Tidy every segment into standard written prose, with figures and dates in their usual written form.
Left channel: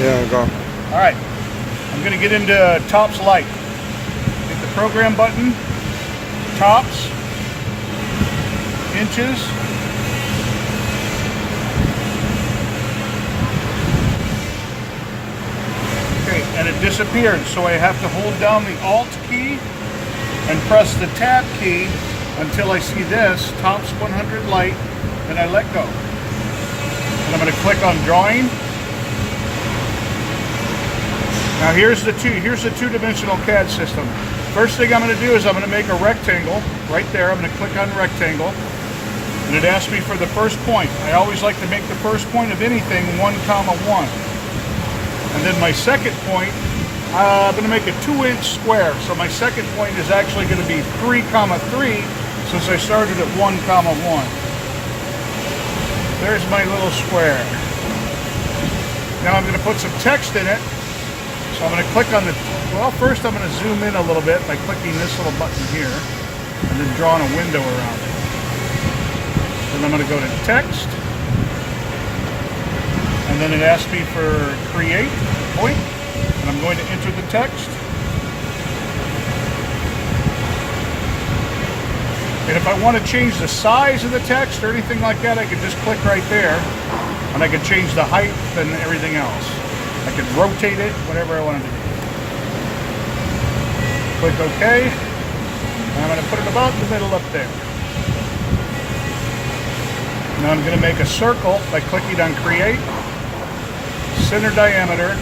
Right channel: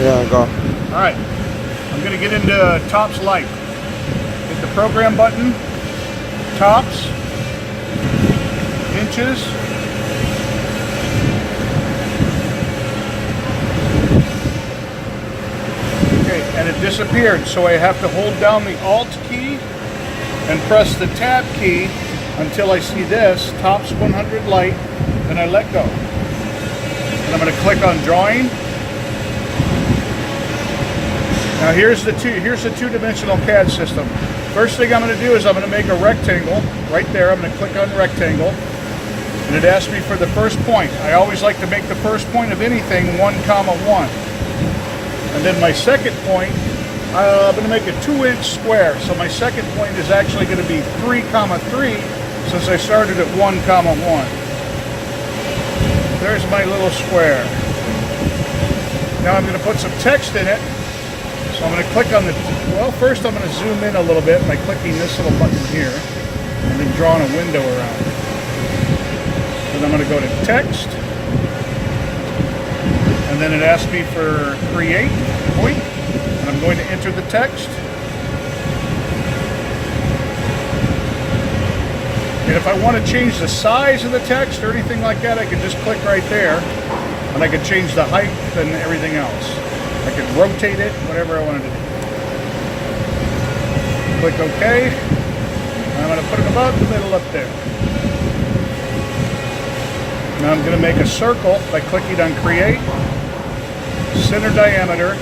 Yeah, go. All right, I'm gonna get into tops light. Hit the program button, tops, inches. Okay, and it disappeared, so I have to hold down the Alt key and press the Tab key until I see this, tops 100 light, and I let go. And I'm gonna click on drawing. Now here's the two-dimensional CAD system. First thing I'm going to do is I'm going to make a rectangle right there. I'm going to click on rectangle, and it asks me for the first point. I always like to make the first point of anything 1, 1. And then my second point, I'm going to make a 2-inch square. So my second point is actually going to be 3, 3, since I started at 1, 1. There's my little square. Now I'm going to put some text in it. So I'm going to click on the, well, first I'm going to zoom in a little bit by clicking this little button here and then drawing a window around it. Then I'm going to go to text, and then it asks me for create point, and I'm going to enter the text. And if I want to change the size of the text or anything like that, I can just click right there, and I can change the height and everything else. I can rotate it, whatever I wanted to do. Click OK. And I'm going to put it about the middle up there. Now I'm going to make a circle by clicking on Create, Center Diameter,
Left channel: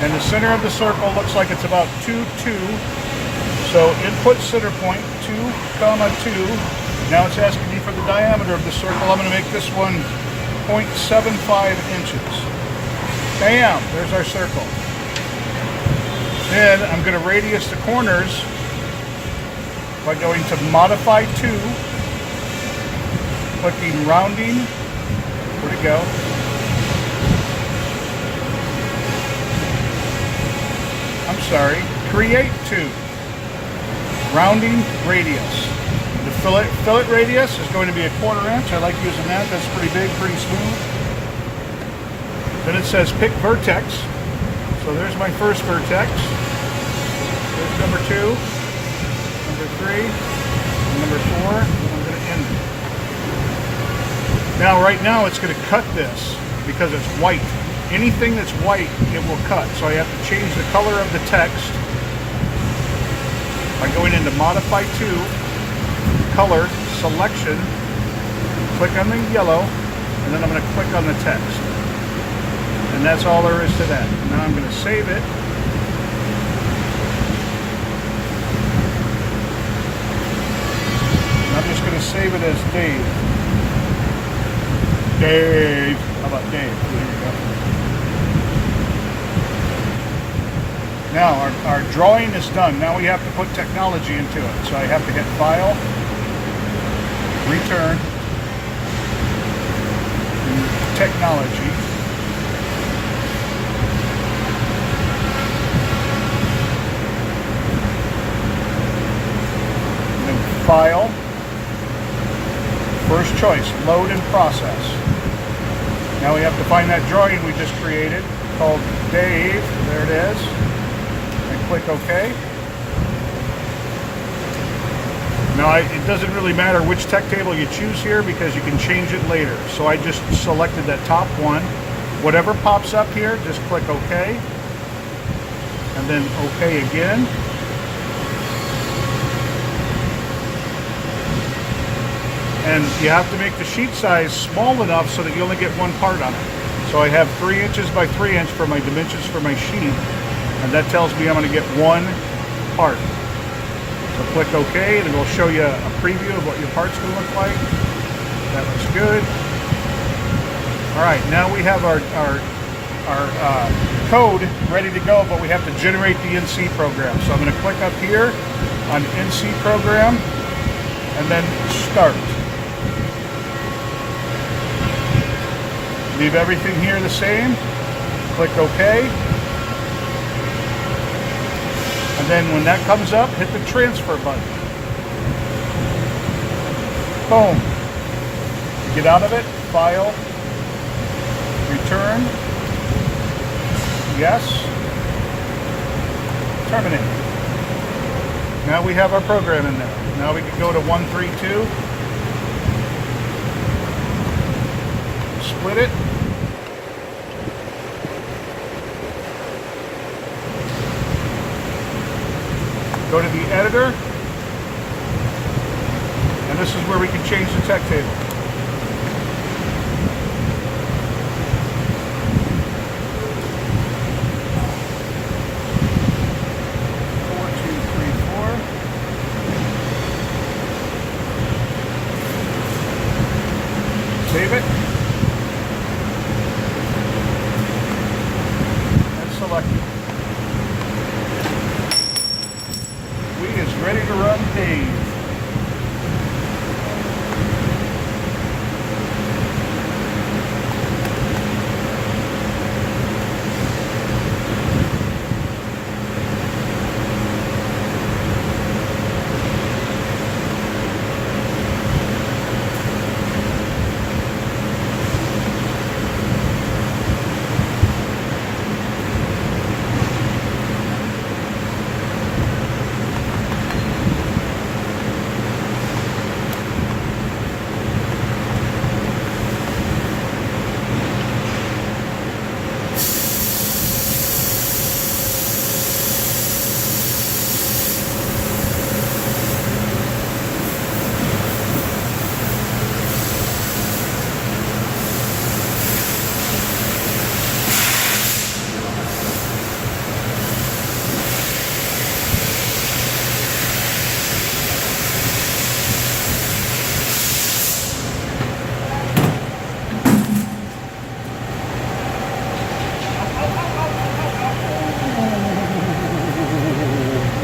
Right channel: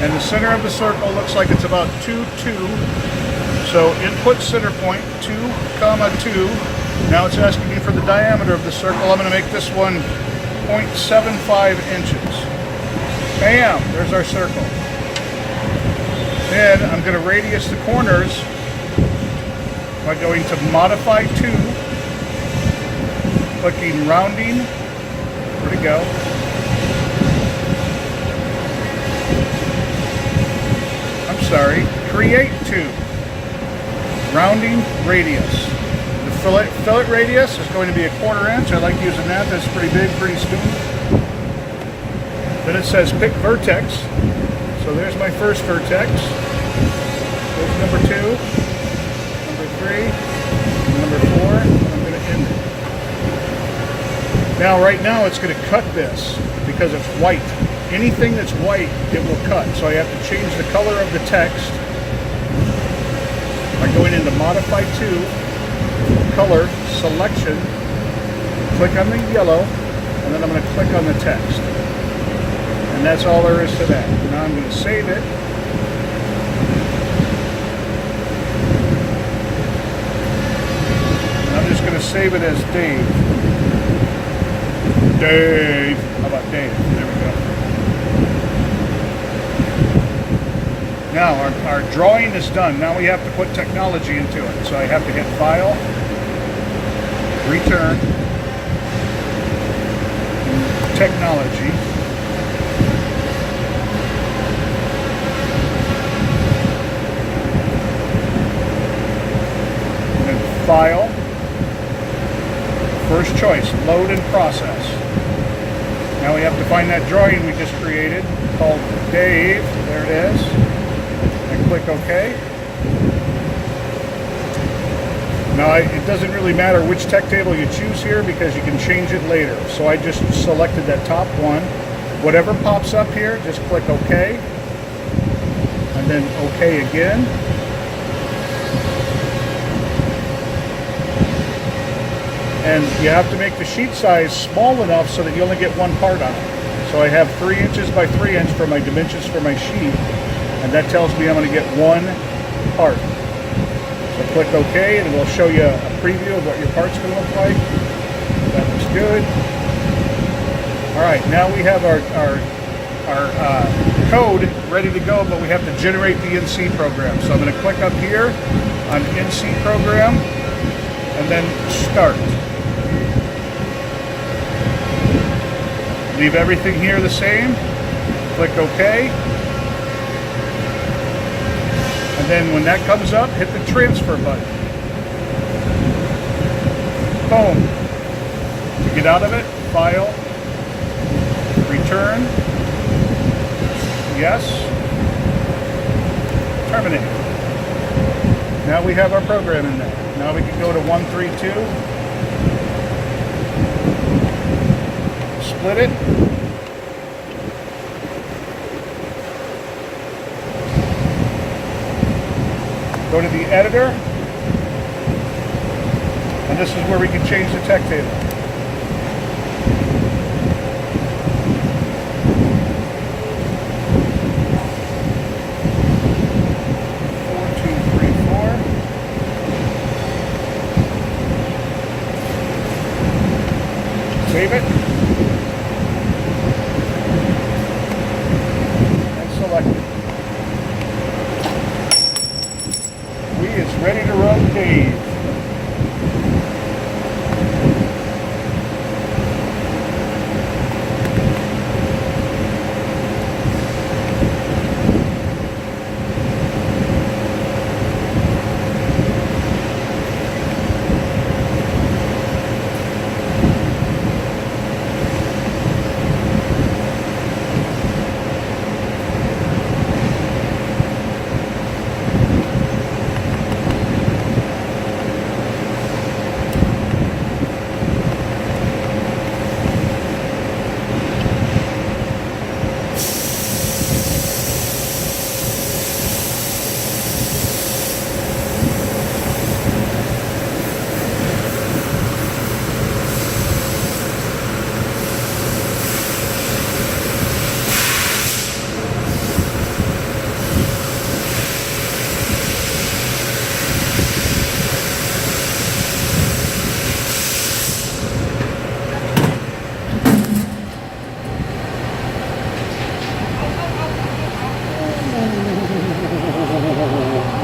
and the center of the circle looks like it's about 2, 2. So input center point 2, 2. Now it's asking me for the diameter of the circle. I'm going to make this one 0.75 inches. Bam! There's our circle. Then I'm going to radius the corners by going to Modify To, clicking Rounding. Where'd it go? I'm sorry. Create To. Rounding Radius. The fillet radius is going to be a 1/4 inch. I like using that. That's pretty big, pretty smooth. Then it says pick vertex. So there's my first vertex. There's number 2, number 3, and number 4. I'm going to end it. Now, right now, it's going to cut this because it's white. Anything that's white, it will cut. So I have to change the color of the text by going into Modify To, Color, Selection, click on the yellow, and then I'm going to click on the text. And that's all there is to that. Now I'm going to save it. And I'm just going to save it as Dave. Dave. How about Dave? There we go. Now our drawing is done. Now we have to put technology into it. So I have to hit File, Return, and Technology. File, first choice, load and process. Now we have to find that drawing we just created called Dave. There it is. And click OK. Now it doesn't really matter which tech table you choose here because you can change it later. So I just selected that top one. Whatever pops up here, just click OK. And then OK again. And you have to make the sheet size small enough so that you only get one part on it. So I have 3 inches by 3 inch for my dimensions for my sheet, and that tells me I'm going to get one part. So click OK, and it will show you a preview of what your part's going to look like. That looks good. All right, now we have our code ready to go, but we have to generate the NC program. So I'm going to click up here on NC program, and then start. Leave everything here the same. Click OK. And then when that comes up, hit the transfer button. Boom. Get out of it, File, Return, Yes. Terminate. Now we have our program in there. Now we can go to 132. Split it. Go to the editor. And this is where we can change the tech table. Save it and select it. We is ready to run Dave.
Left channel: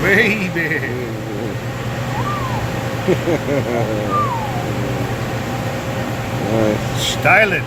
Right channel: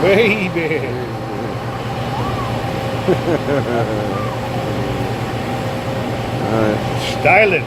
Baby. All right. Styling.